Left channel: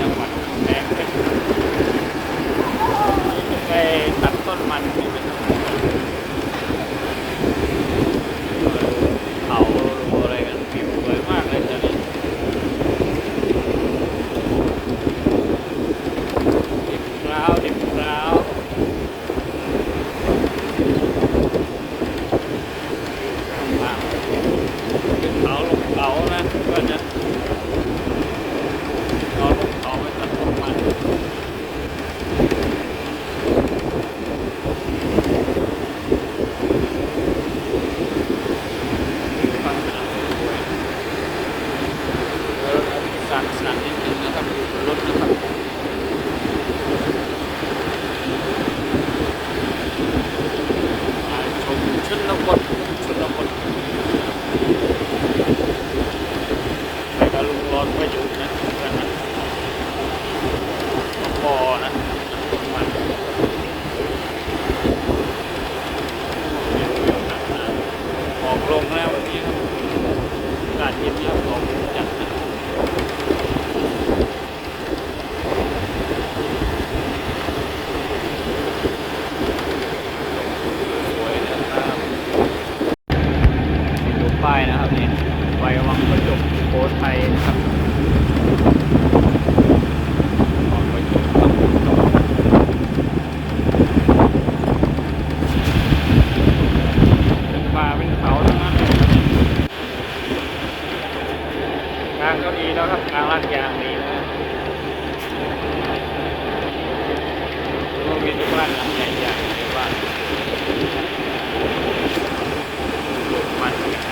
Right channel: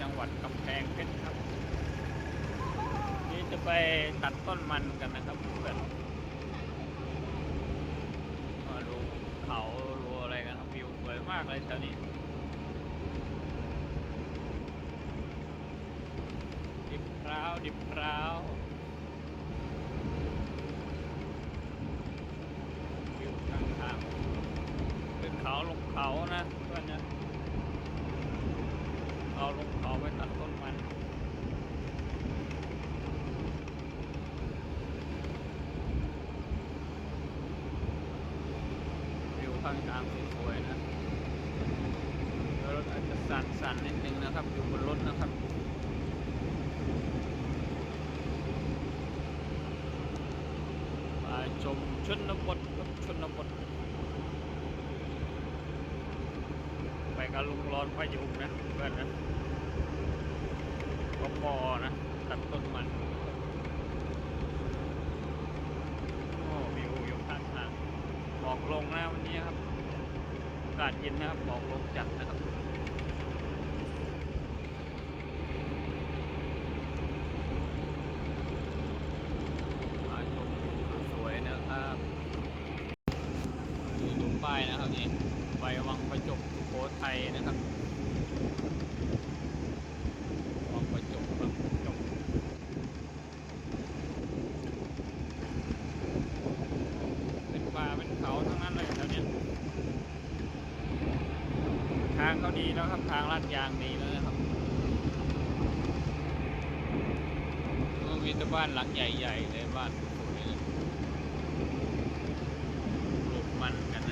จังหวัดกำแพงเพชรไปตัดต้นมันเป็นต้น ลักษณะนิดนึงนะครับอยู่บนรถนะครับถ่าชมชนบทชนบทไปกับลุงร้อนปรยู่นะเพื่อนนะปอนะนักกมันายนะครับเนี่ยไว้วางกระจกโพสไทยนะครับวังปด้องปูเป็นป่าเป็นเขาทั้งนั้างก็ดีแล้วครับทางลาดยางดีนะโรงเรีบ้านหลังใหญ่ๆในบ้านมันกัน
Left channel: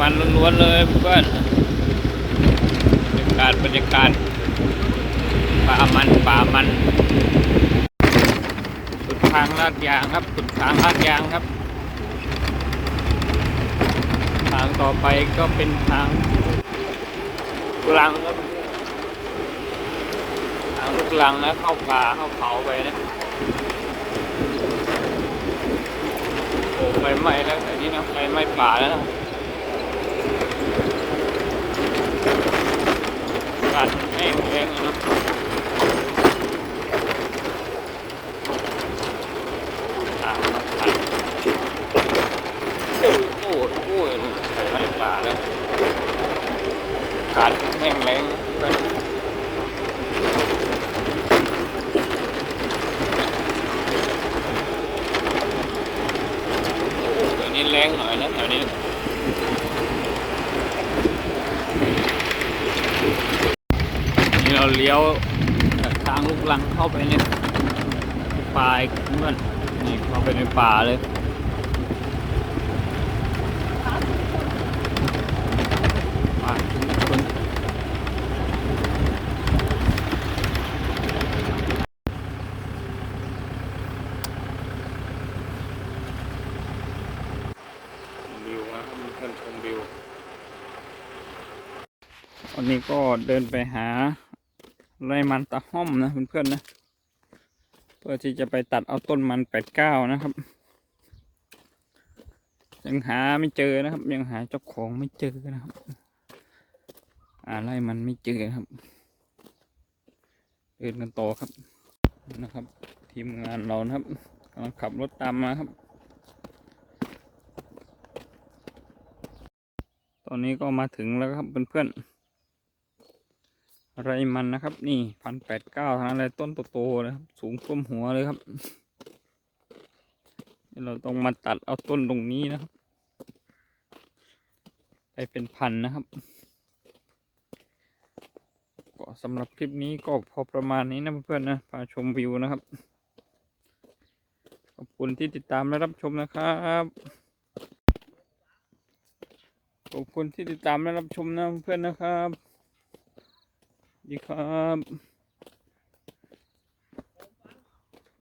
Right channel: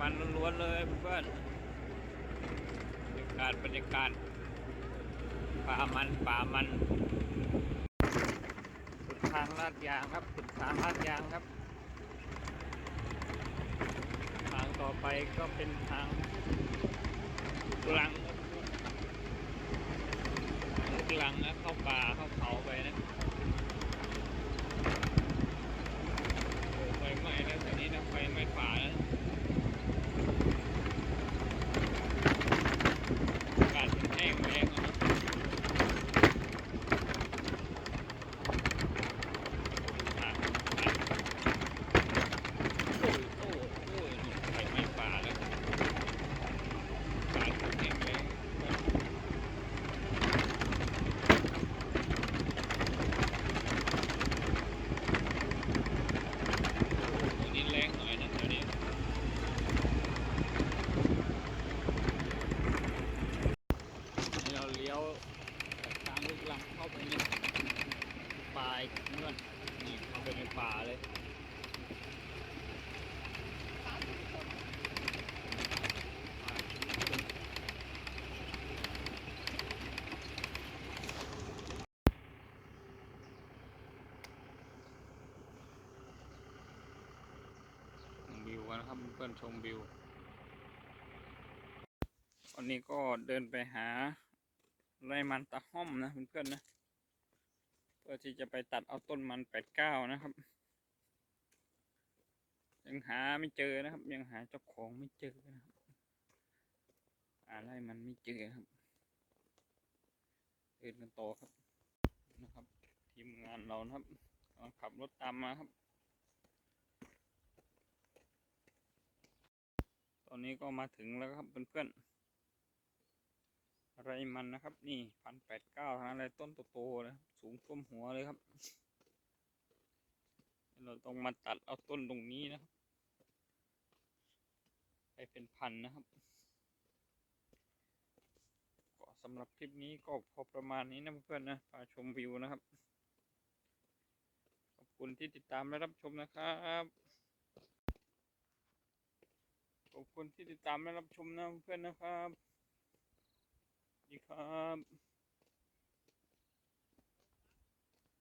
มันล้วนๆเลยเพื่อนบรรยากาศบรรยากาศป่ามันป่ามันสุดทางลาดยางครับสุดทางลาดยางครับ ทางต่อไปก็เป็นทางลูกลังครับทางลูกลังแล้วเข้าป่าเข้าเขาไปนะโอ้ไฟไหม้แล้วแต่นี่นะไฟไหม้ป่าแล้วนะอา กาศมันแห้งแห้งนะอ่าโอ้ยโอ้ยโอ้ยไฟไม้ป่าแล้วอากาศแห้งแล้งนะโอ้เดี๋ยวนี้แรงหน่อยนะแถวนี้ นี่เราเลี้ยวจากทางลูกลังเข้าไปในป่าอีกเพื่อนนี่เข้าไปในป่าเลยป่าชุมชนวิวนะครับเพื่อนชมวิววันนี้ก็เดินไปหา ไรมันตะห้อมนะเพื่อนๆนะ เพื่อที่จะไปตัดเอาต้นมันแปดเก้านะครับ ยังหาไม่เจอนะครับ ยังหาเจ้าของไม่เจอนะครับหาไรมันไม่เจอครับเดินกันต่อครับนะครับ ทีมงานเรานะครับกำลังขับรถตามมาครับ ตอนนี้ก็มาถึงแล้วครับเพื่อนๆ ไรมันนะครับ นี่พันแปดเก้าทั้งนั้นเลยต้นโตๆนะครับสูงท่วมหัวเลยครับ เราต้องมาตัดเอาต้นตรงนี้นะครับ ไปเป็นพันนะครับก็สำหรับคลิปนี้ก็พอประมาณนี้นะเพื่อนๆนะพาชมวิวนะครับ ขอบคุณที่ติดตามและรับชมนะครับขอบคุณที่ติดตามและรับชมนะเพื่อนๆนะครับ ดีครับ